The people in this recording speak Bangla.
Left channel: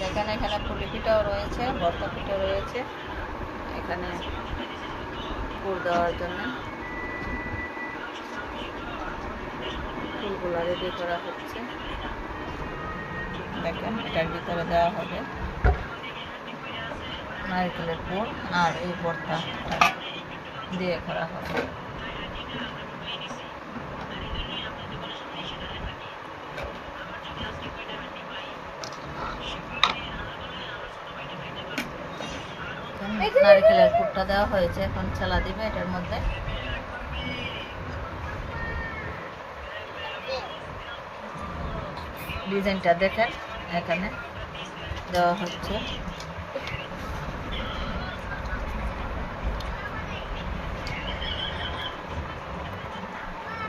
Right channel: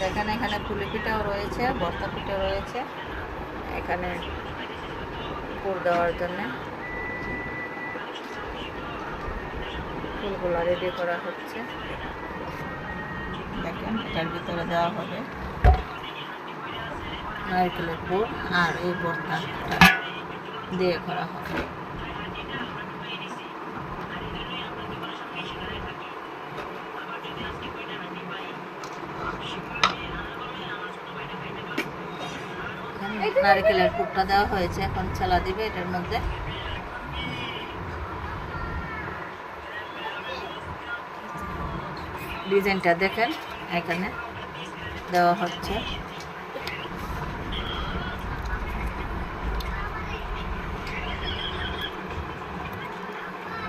দেখেন এখানে পুলি পিঠাও রয়েছে, ভর্তা পিঠা রয়েছে। এখানে পুর দেওয়ার জন্য ফুলগুলো রেডি করা হচ্ছে। দেখেন এটার ভিতরে দেওয়া হবে নারকেলের পুর, আর এই ভর্তা দিয়ে করা হবে। নারকেলের পুরটা দেওয়া হয়েছে, এখন চালা দিবে এটার মধ্যে। ডিজাইনটা দেখেন এখানে দেওয়া হচ্ছে।